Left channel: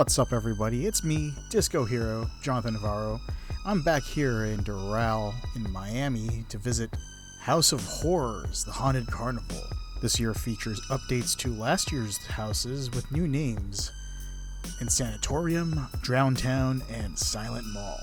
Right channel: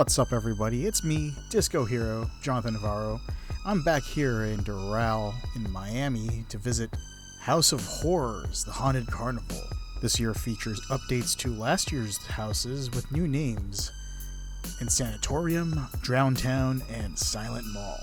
What's up, everybody? It's me, Disco Hero, Jonathan Navarro. I'm back here in Doral in Miami to visit House of Horrors, the Haunted Carnival. This year features updates to last year's houses with new names: Insanitorium, Drowntown, and Silent Mall.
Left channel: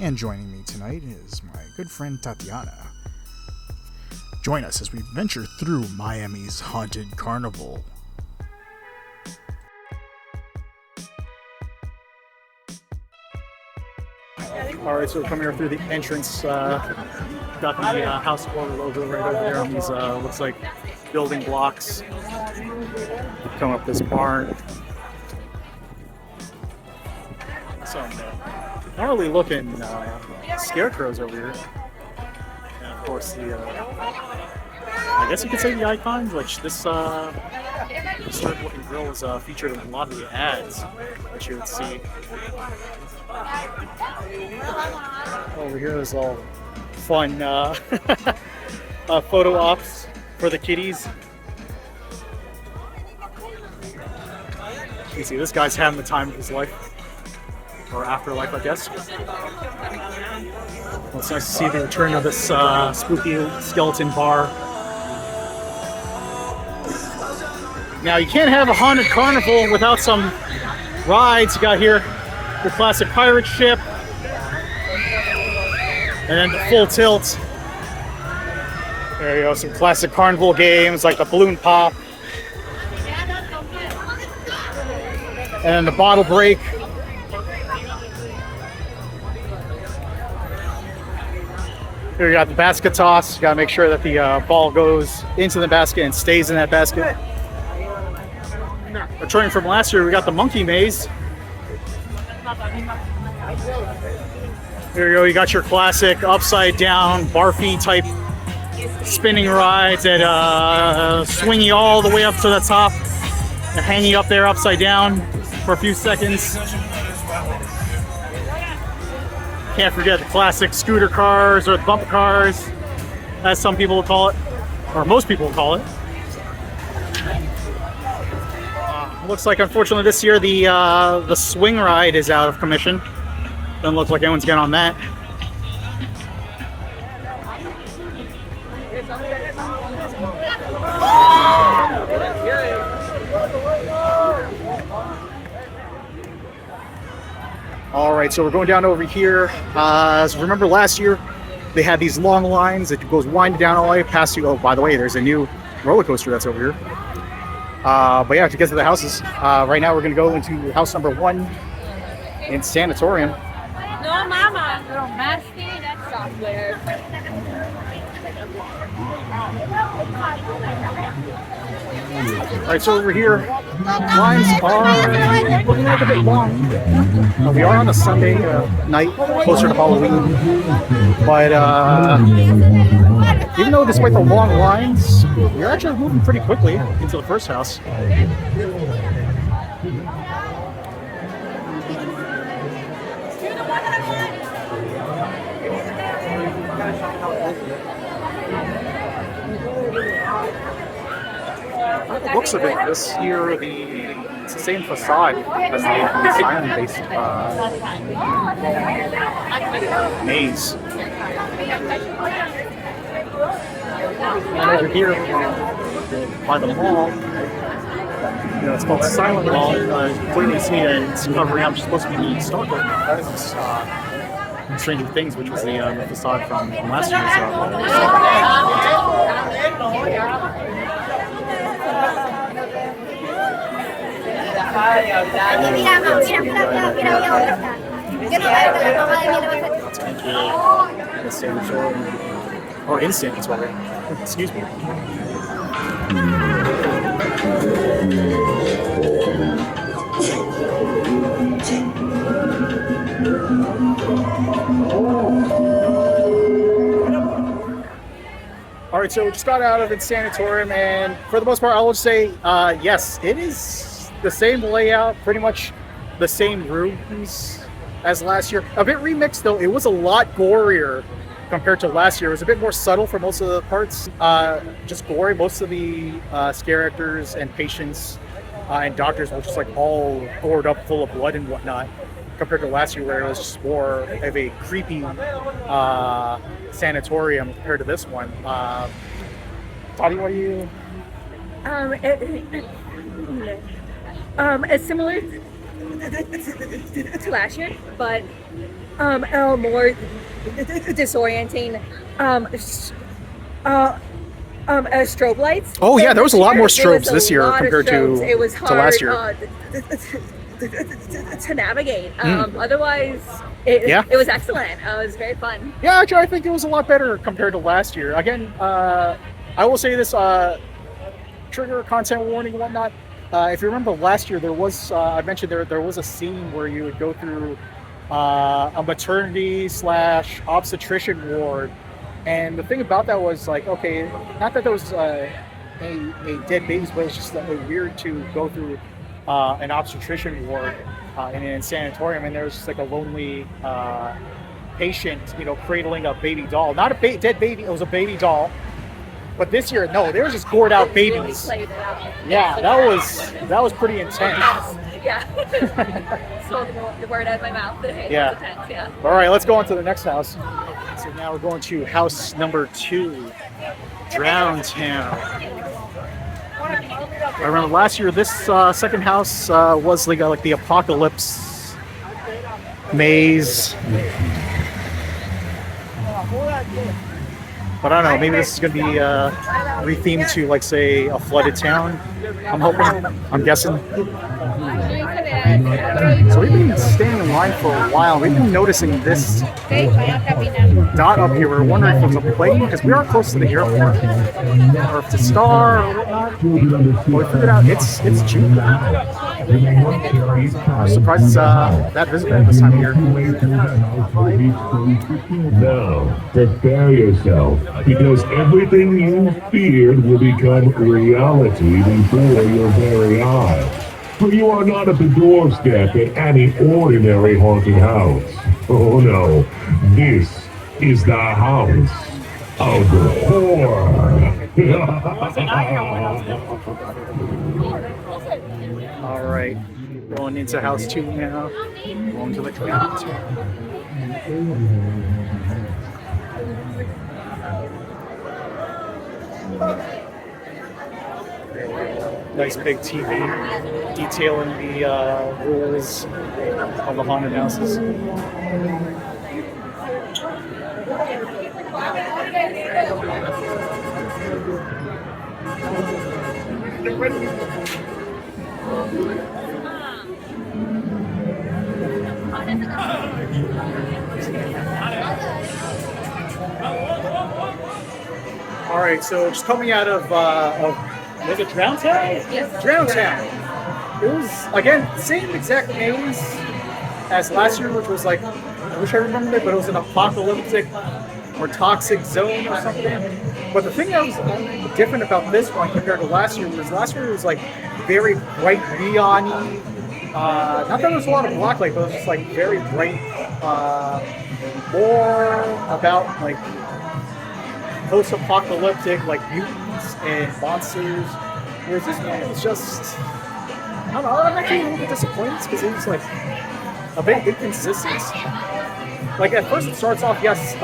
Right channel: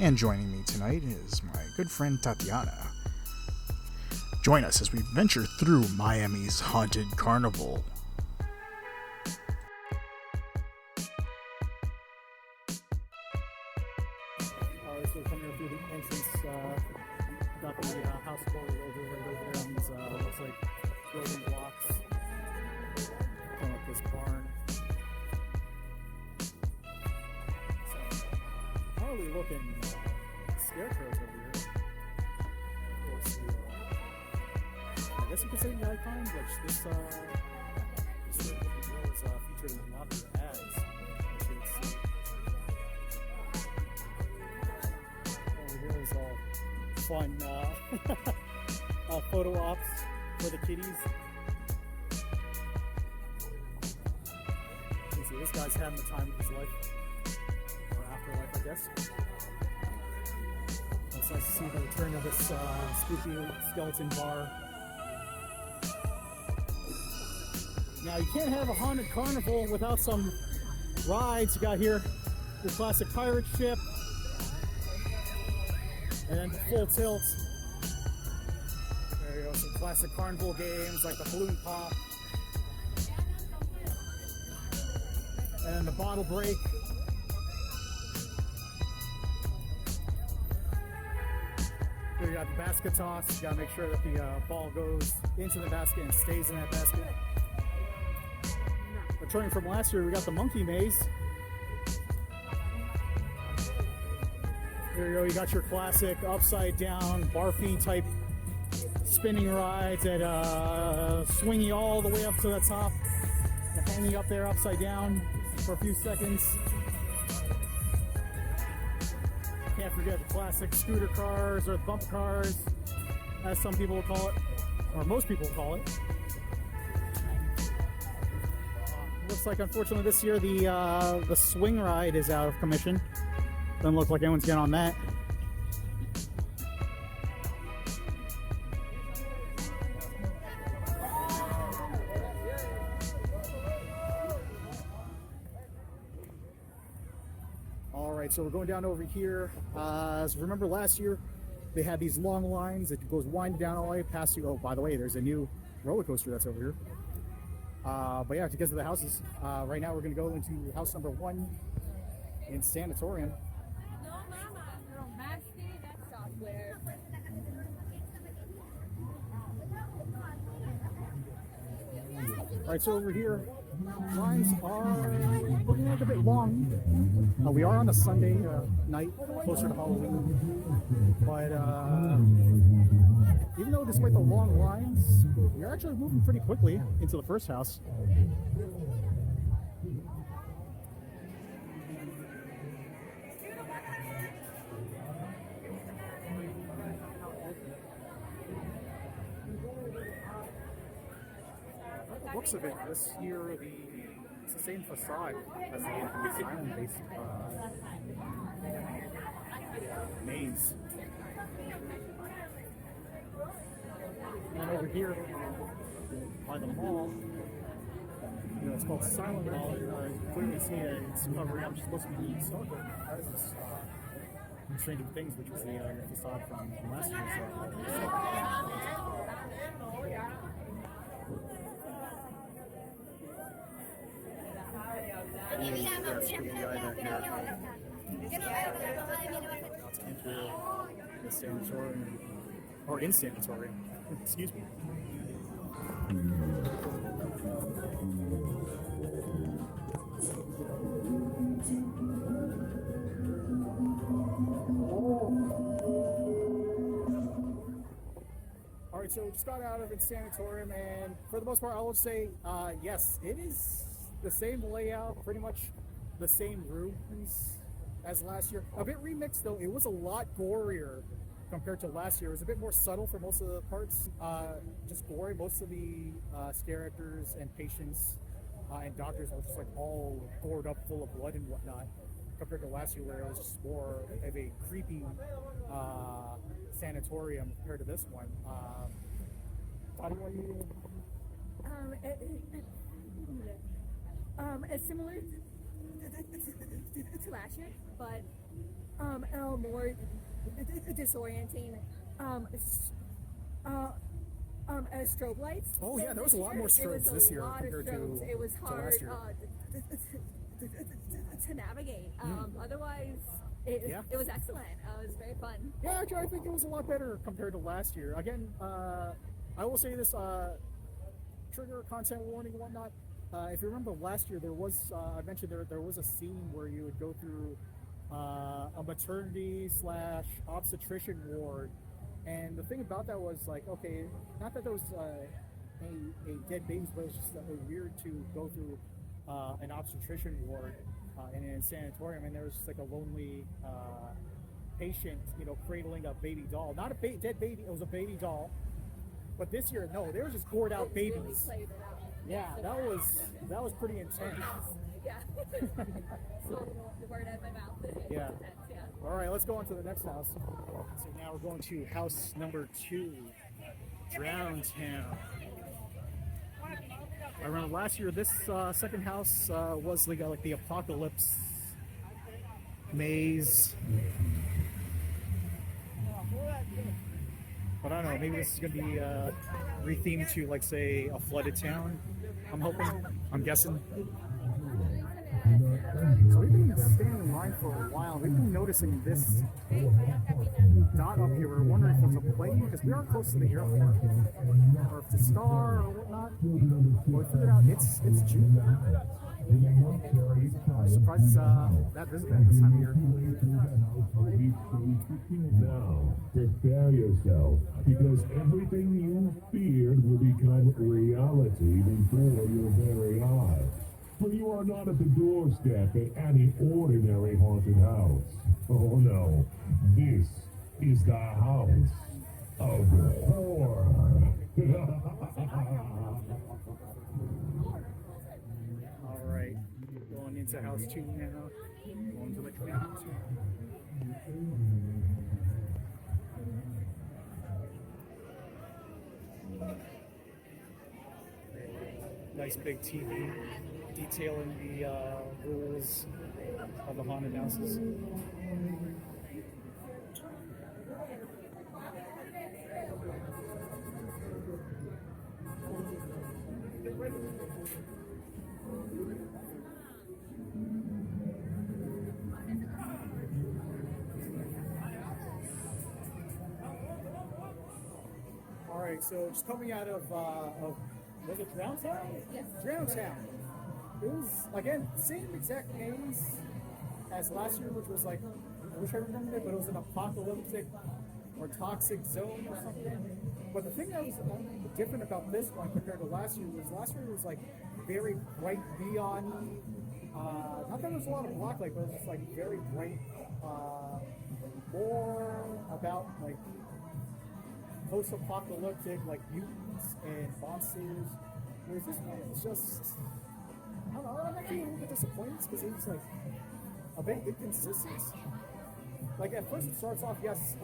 And joining me tonight is my good friend Tatiana. Join us as we venture through Miami's Haunted Carnival. Alright, so we're coming here through the entrance. Got the House of Horror logo right over there on these, looks like building blocks. We come up this barn. Some gnarly looking scarecrows over here. And of course the, I guess you could say the icons, which this sort of looking grill is featured in a lot of the ads that you would see. Over here is all fun photo ops for the kitties. You can see this guy's having the time of his life, or afterlife, I guess. Well, it's nice to see the return of this spooky skeleton bar. Now, you can't have a haunted carnival without some rides. You got here the classic pirate ship, and then the full tilt. There you go, some classic carnival games like the balloon pop. And then the bottle break. Here you got the basket toss. You gotta make sure that the ball goes into the basket and stays in that basket. Returning from last year, we got the monkey maze. Here you go, you got your classic upside down barfy type spinning rides that swing you all the way up to the top and hang you up there upside down for a few seconds. Can't forget the classic scooter cars, or the bump cars, as some people will call it, or most people will call it. Looks like, unfortunately, this year the swing ride is out of commission. Doesn't look like anyone's getting on that. All right, so we're going down over here. So remember last year, they had these long lines that goes winding down all the way past you. Oh, by the way, there's a new roller coaster that's over here. But yeah, to get to the houses, right now we're going to go into house number 1 in Sanatorium. No, mama. That's software. All right, so over here, lines are looking like a bit long. We are on a Sunday night, closer to Halloween. But even though despite the long lines, we're actually moving pretty quickly into the first house. The looks of it this year, it's the same facade as the asylum-based maze. And over here, by the mall, it's called Silent Mall. Clearly see that it's covering up, supposed to be the Stockholm. That is Stranger Things, which was the facade from last year's. Sanatorium, or Insanitorium. Excuse me. All right, so we just got out of Insanitorium, and for the most part, I will say, yes, it is the same layout, pretty much the same rooms as last year. A bit remixed, though. It was a lot gorier compared to last year. It was a bit more subtle for most of the parts. Just gory. Most of the scare actors and patients and doctors were just like all gored up, full of blood and whatnot, compared to last year where it was just more of a creepy sanatorium compared to this one. Toddy, what do you? It's similar to last year, but more disorienting. Strobe lights. Oh yeah, there was a lot more strobes There was this a year lot of compared strobes. It was to hard, last year. To navigate. Otherwise, it was excellent. It was very fun. Yeah, actually, I think it was a lot better compared to last year. Again, I will say this: trigger content warning and whatnot. If you remember last year, there was I mentioned there was a scene where you would go through a maternity / obstetrician ward, and the thing about that was like, okay, not that there was a dead babies, but it's just that was weird to go through an obstetrician ward in an sanatorium, and there was just like a lonely patient, cradling a baby doll, not a dead baby, it was a baby doll. But this year, no, they were just gored out babies. Really played it out. Yeah, that was pretty intense. Yeah. Spoke the word out of my mouth. Yeah. Intense, yeah. All right, let's go on to the next house. So now we're going to house number 2, Drown Town. I remember last year, this second house was like the apocalypse maze. But I don't know, maybe this is going to be rethemed to, like, say, a flooded town. I'm hoping, I'm guessing. So we've been standing in line for a while. We've been noticing this dot up here. We're wondering if it's a plane, because we are close to the airport. Or if it's a star or whatnot. But we figured out it's Jupiter. I'm surprised it's that visible at this time of year. Now, prepare yourself, because everything you feared will become reality before your very eyes. For you are not at the doorstep at any ordinary haunted house. Oh no, this is the house of horror. All right, going into house 2 now. Going to the ground. Nice big TV detailing the rules of the haunted houses. All right, so just coming out of was it Drown Town? Yes. Drown Town. It was, again, same exact names as last year, which was like, I wish I remembered it, but it was an apocalyptic or toxic zone or something. But the thing that was different about this one compared to last year was like very bright neon-y. Not that there was a lot of black light, but it was just like very bright. More about like post-apocalyptic, like mutants and monsters. Whereas this one was just, I don't know, I'm actually a little bit disappointed because it was like a bit inconsistent. Like at first it starts off, yes,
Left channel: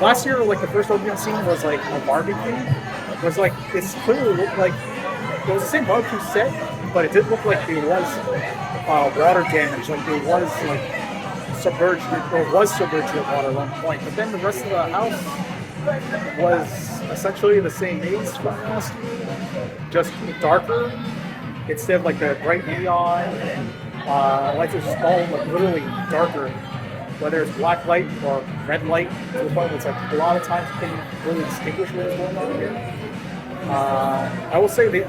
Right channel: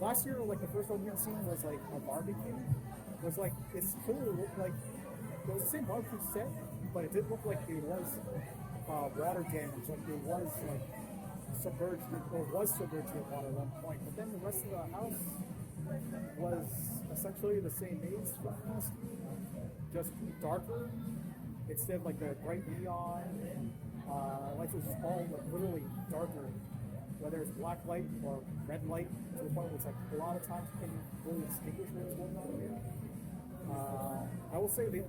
last year like the first opening scene was like a barbecue. It was like, it's clearly looked like, it was the same barbecue set, but it didn't look like there was water damage, like there was like submerged with water at one point. But then the rest of the house was essentially the same maze from last year, just darker. Instead of like the bright neon, lights are just all like literally darker. Whether it's black light or red light, to the point where it's like a lot of times you can't really distinguish what is going on here. I will say that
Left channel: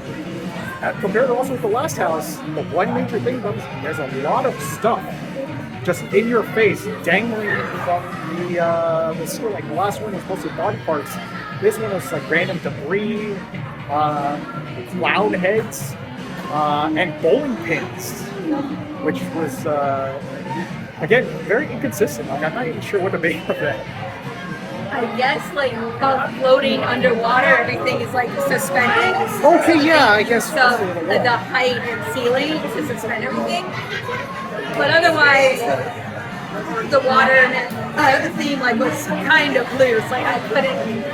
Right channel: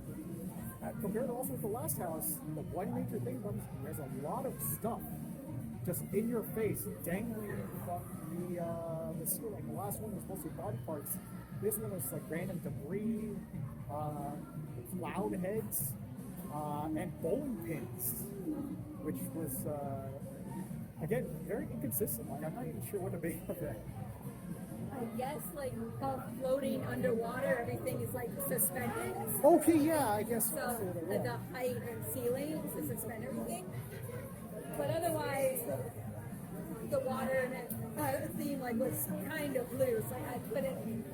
compared to also with the last house, the one major thing about this, there's a lot of stuff just in your face, dangling from the ceiling. Like the last one was mostly body parts. This one was like random debris, clown heads, and bowling pins, which was again very inconsistent. Like I'm not even sure what to make of that. I guess like floating underwater, everything is like suspended. Okay, yeah, I guess. So the height and ceiling is to suspend everything. But otherwise, the water and the theme like was kind of loose. Like I couldn't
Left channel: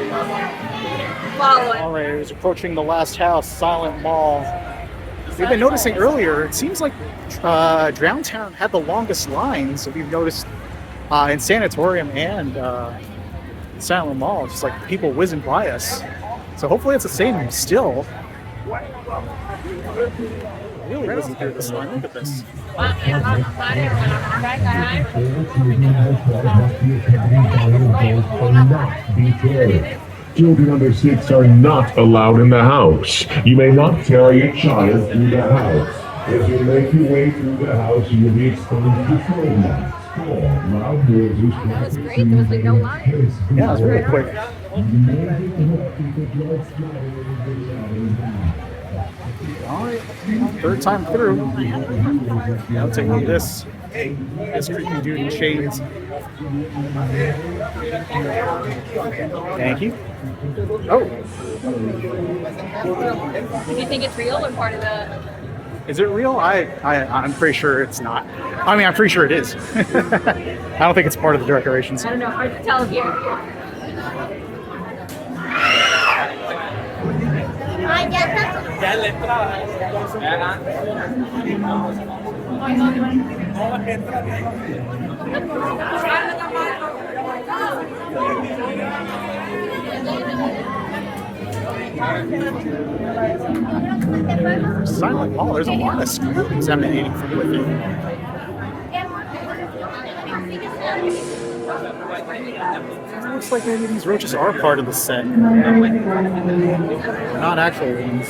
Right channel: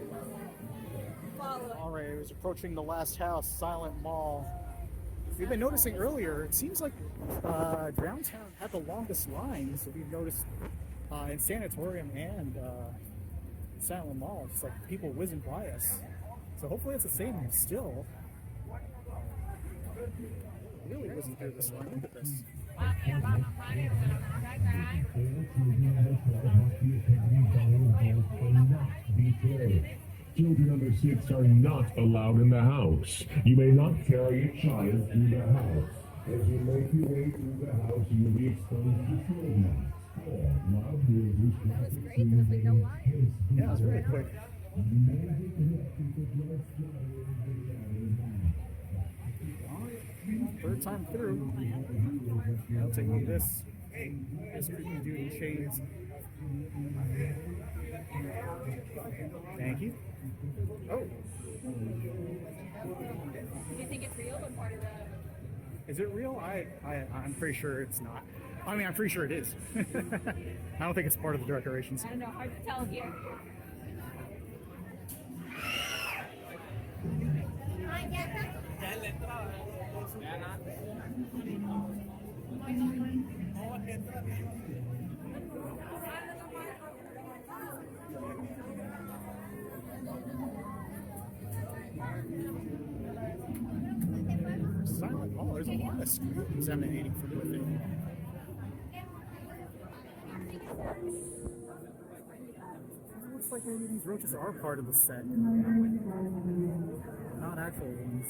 follow it. All right, it was approaching the last house, Silent Mall. We've been noticing earlier, it seems like Drowntown had the longest lines. We've noticed in Sanatorium and Silent Mall, just like people whizzing by us. So hopefully it's the same still. Really whizzing through this line. Look at this. Children under 6 are not allowed in the house. You may not carry a child through the house. If you make your way through the house, you will be exposed to phone lines. Loud noises. That was great. There was like no line. Yeah, it was really quick. Alright, third time through. I'll take this creepy dude in chains. Thank you. Oh. Do you think it's real or part of the... Is it real? I'm pretty sure it's not. I mean, I'm pretty sure it is. I don't think it's part of the decorations. I don't know. Hard to tell here. Silent Mall, there's a lot of screams emanating from within. It looks like maybe these roaches are part of the set. They're not actual ones.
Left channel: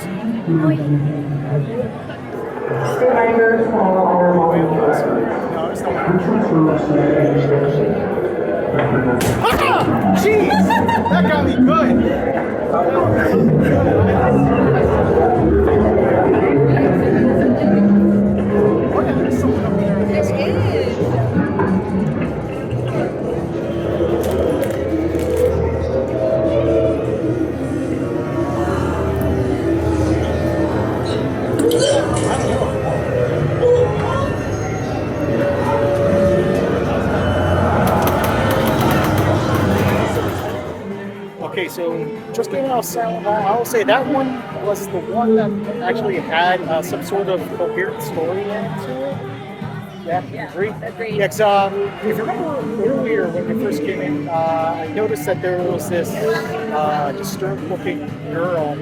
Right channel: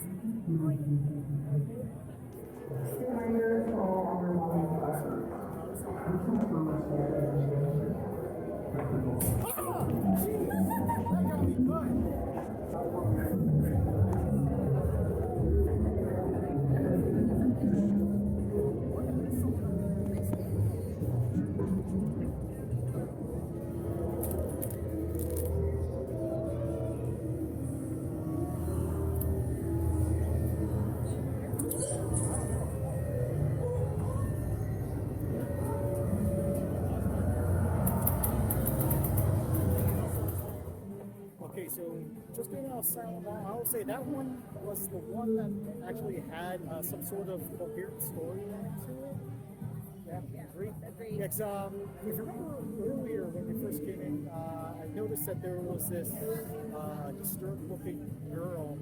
Ah! Jeez! That got me good! Okay, so just getting off Silent Mall, I will say that one was the one that actually had some sort of coherent story to it. Yeah, agree. Yeah, if you remember earlier when we first came in, I noticed that there was this disturbed-looking girl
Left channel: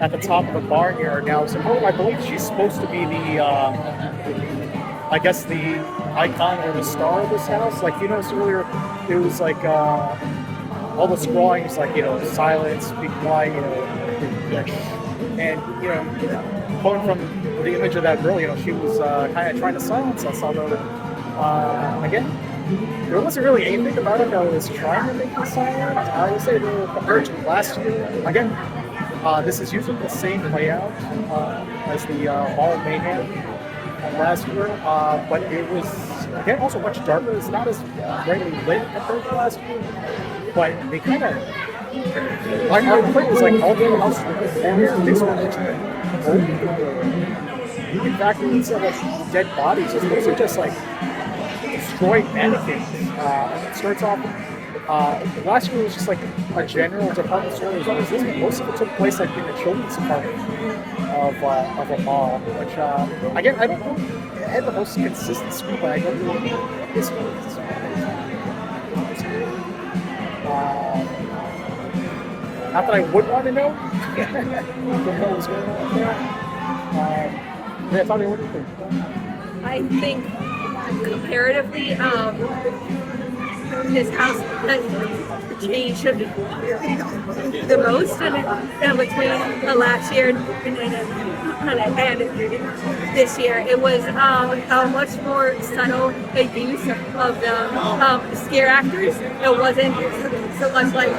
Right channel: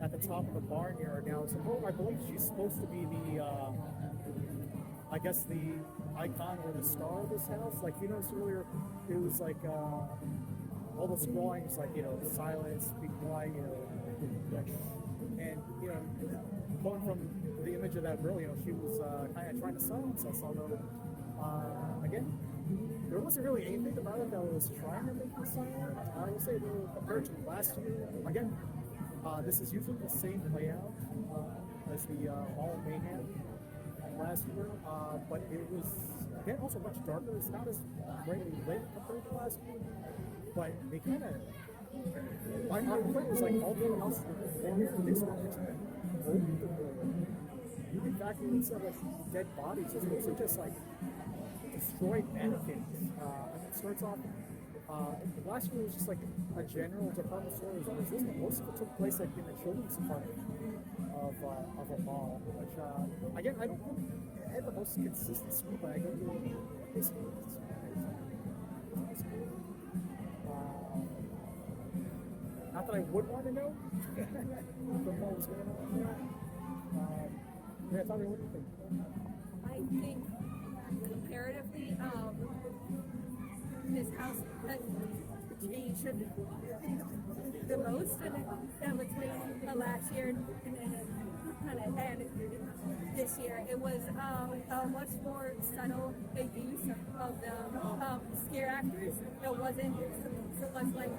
at the top of the barnyard. Now, so I believe she's supposed to be the, I guess the icon or the star of this house. Like you noticed earlier, it was like all the scrawling was like, silence, be quiet, and going from the image of that girl, she was kind of trying to silence us, although again, there wasn't really anything about it that was trying to make us silent. I would say compared to last year, again, this is using the same layout as the Mall of Mayhem last year, but it was again also much darker. It's not as brightly lit compared to last year, but they kind of our point was like all the houses were this one old. In fact, instead of dead bodies, it's mostly just like destroyed mannequins. It starts off. Last year was just like a general department store. Most of it took place like in the children's department of a mall, which again I don't know. It had the most consistent screen, but I don't know what this was. Not that I would want to know what was going on there. Yeah, I thought they would be. I think comparatively, this house has changed the most in between last year and this year. It was a much more subtle use of the scare actors. It wasn't so much like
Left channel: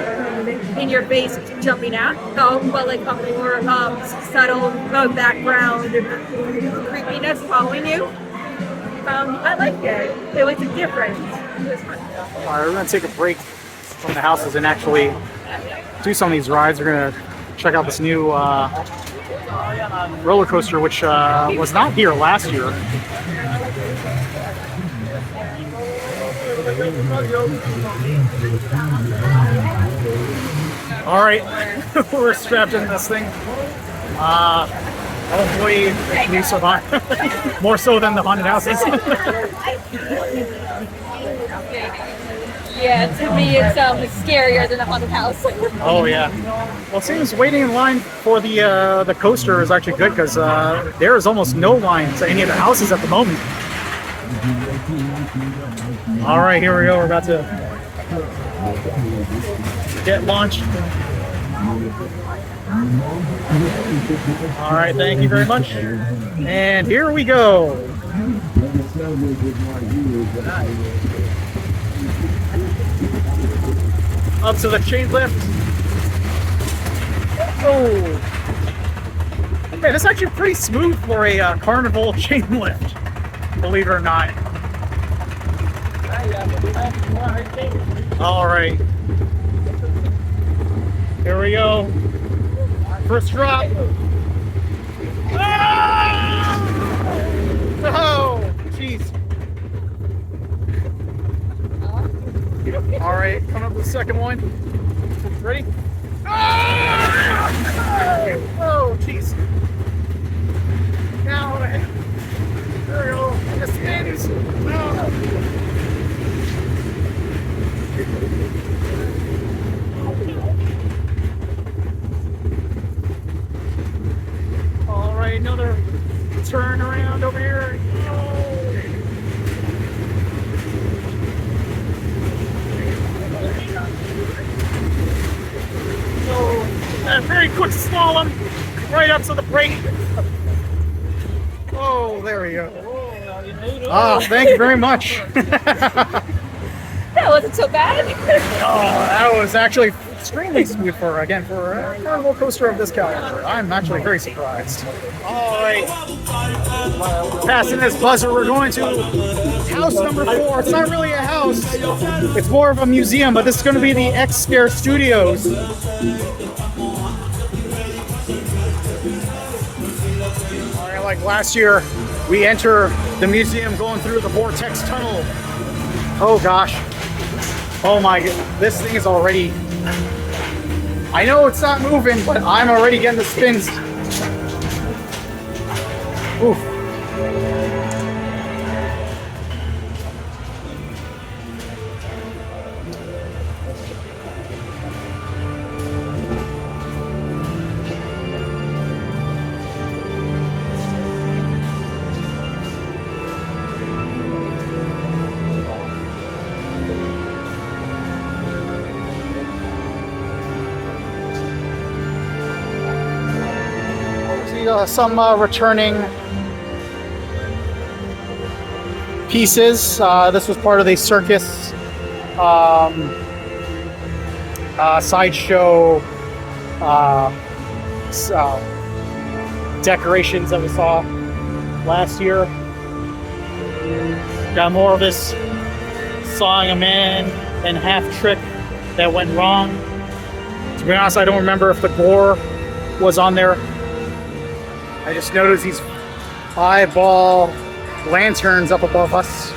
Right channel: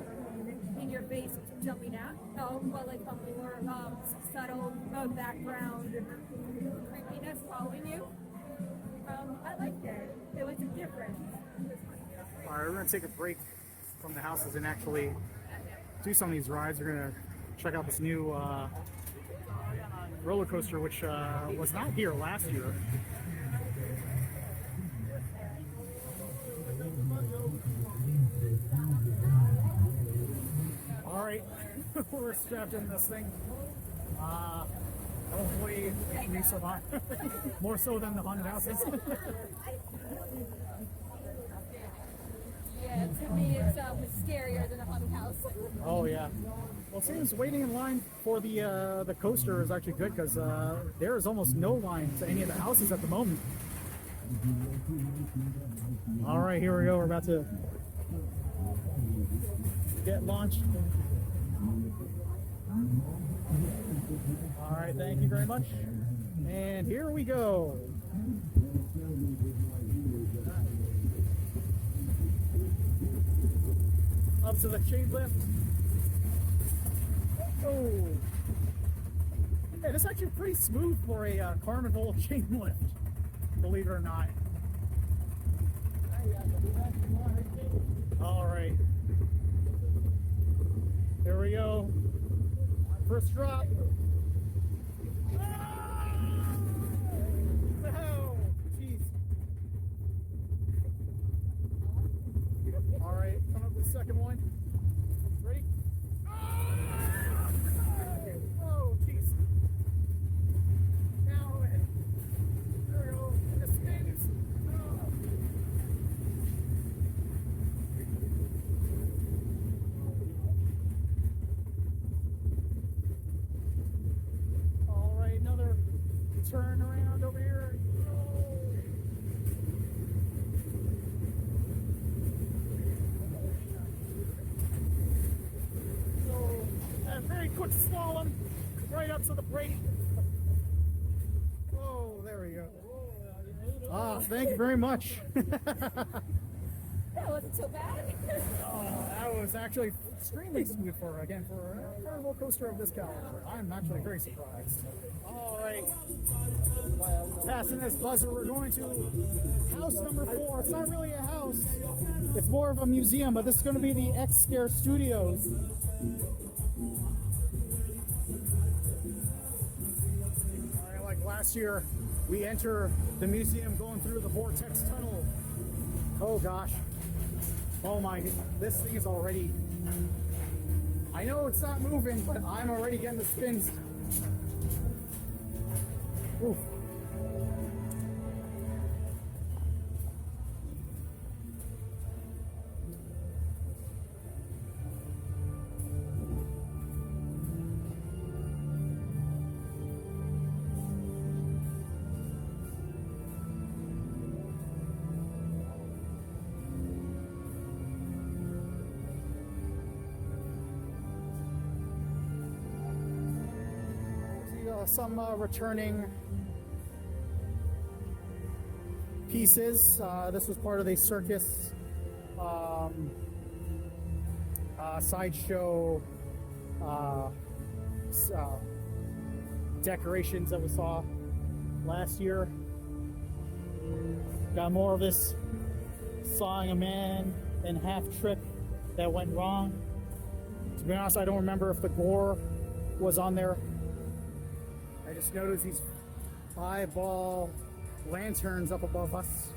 in your face jumping out, but like a more subtle background creepiness following you. I liked it. It was different. It was fun. All right, we're going to take a break. from the houses and actually do some of these rides. We're gonna check out this new roller coaster, which was not here last year. All right, we're strapped in this thing. Hopefully we survive. More so than the haunted houses. Yeah, to me it's scarier than a haunted house. Oh yeah. Well, it seems waiting in line for the coaster is actually good because there is almost no line to any of the houses at the moment. All right, here we go. We're about to get launched. All right, thank you very much. And here we go. Up to the chain lift. Oh, man, this is actually pretty smooth for a carnival chain lift, believe it or not. All right, here we go. First drop. Ah! Oh, jeez. All right, coming up with the second one. Ready? Ah! Oh, jeez. Now, there we go. It spins. Oh. All right, another turn around over here. A very quick slalom right up to the brake. Oh, there we go. Ah, thank you very much. That wasn't so bad. That was actually extremely smooth for a carnival coaster of this caliber. I'm actually very surprised. All right, passing this buzzer, we're going to house number 4. It's not really a house; it's more of a museum. But this is going to be the X Scare Studios. All right, like last year, we enter the museum going through the vortex tunnel. Oh gosh. Oh my god, this thing is already... I know it's not moving, but I'm already getting the spins. Oof. Some returning pieces. This was part of the circus sideshow decorations that we saw last year. Got more of this sawing a man in half trick that went wrong. To be honest, I don't remember if the gore was on there. I just noticed these eyeball lanterns up above us.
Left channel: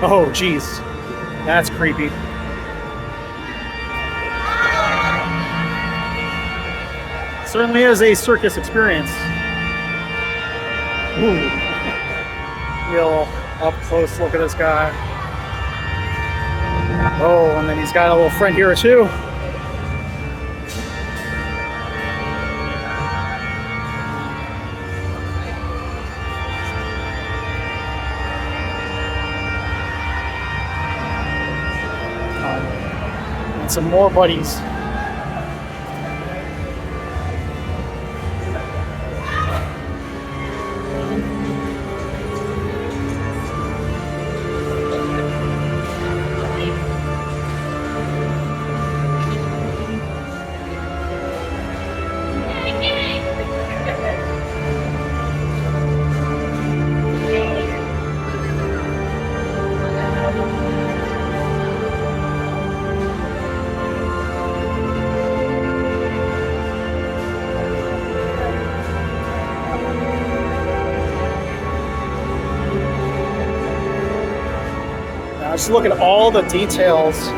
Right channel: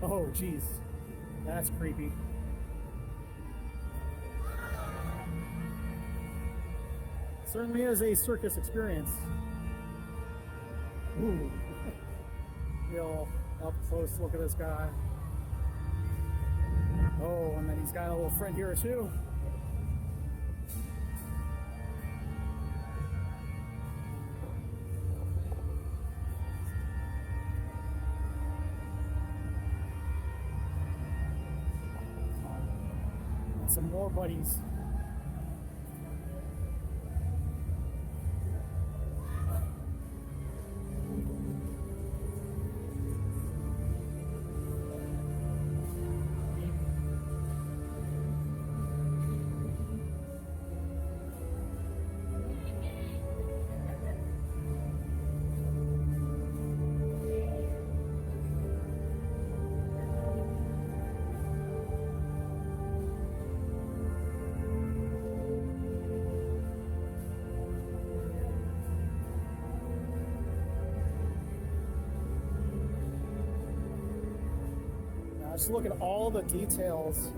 Oh, geez. That's creepy. Certainly is a circus experience. Ooh. Real up close look at this guy. Oh, and then he's got a little friend here too. And some more buddies. Just look at all the details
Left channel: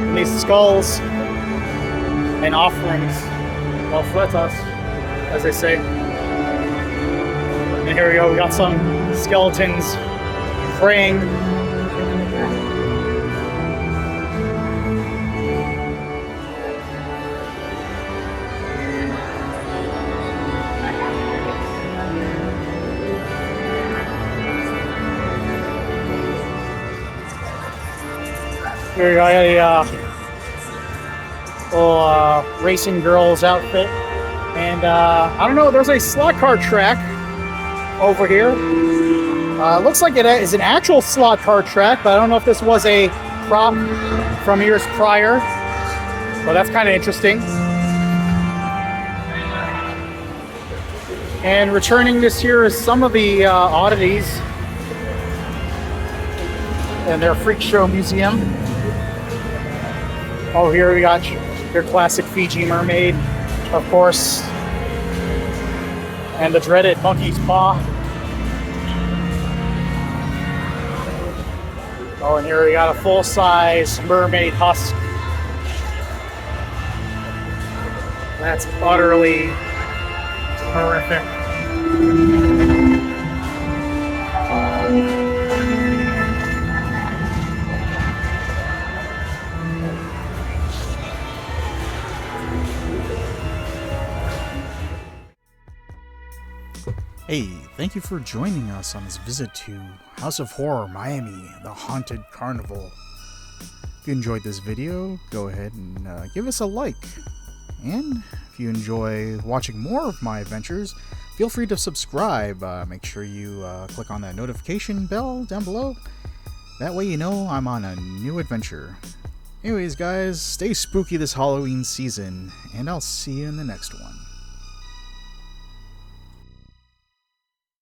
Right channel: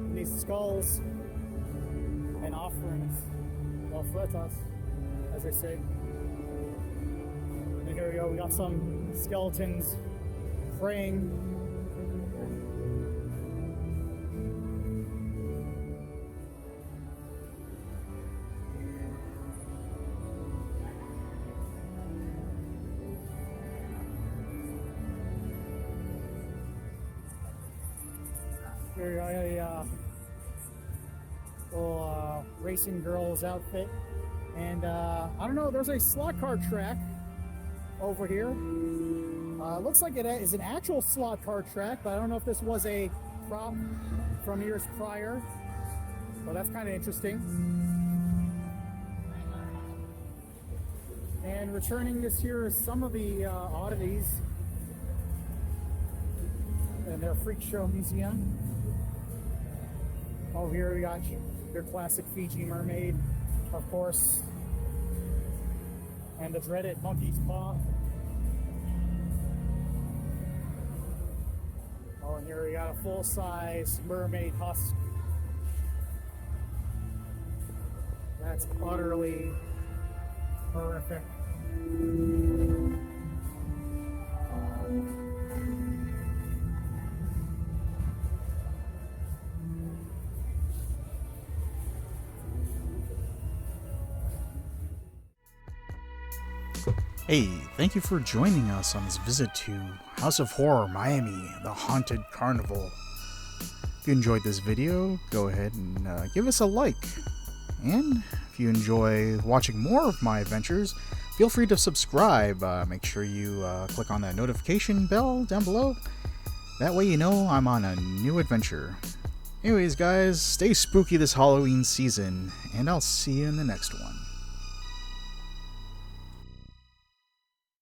in these skulls and offerings. Well, us, as they say. And here we go. We got some skeletons praying. Here we got a little racing girl's outfit. And I don't know, there's a slot car track over here. Looks like it is an actual slot car track, but I don't know if this was a prop from years prior. But that's kind of interesting. And returning this year is some of the oddities in their freak show museum. Oh, here we got your classic Fiji mermaid, of course, and the dreaded monkey's paw. Oh, and here we got a full-size mermaid husk. That's utterly horrific. Hey, thank you for joining us on this visit to House of Horror Miami, the Haunted Carnival. If you enjoyed this video, go ahead and give us a like. And if you enjoy watching more of my adventures, feel free to subscribe. Make sure you click on that notification bell down below. That way you know I'm on a new adventure. Anyways, guys, stay spooky this Halloween season, and I'll see you in the next one.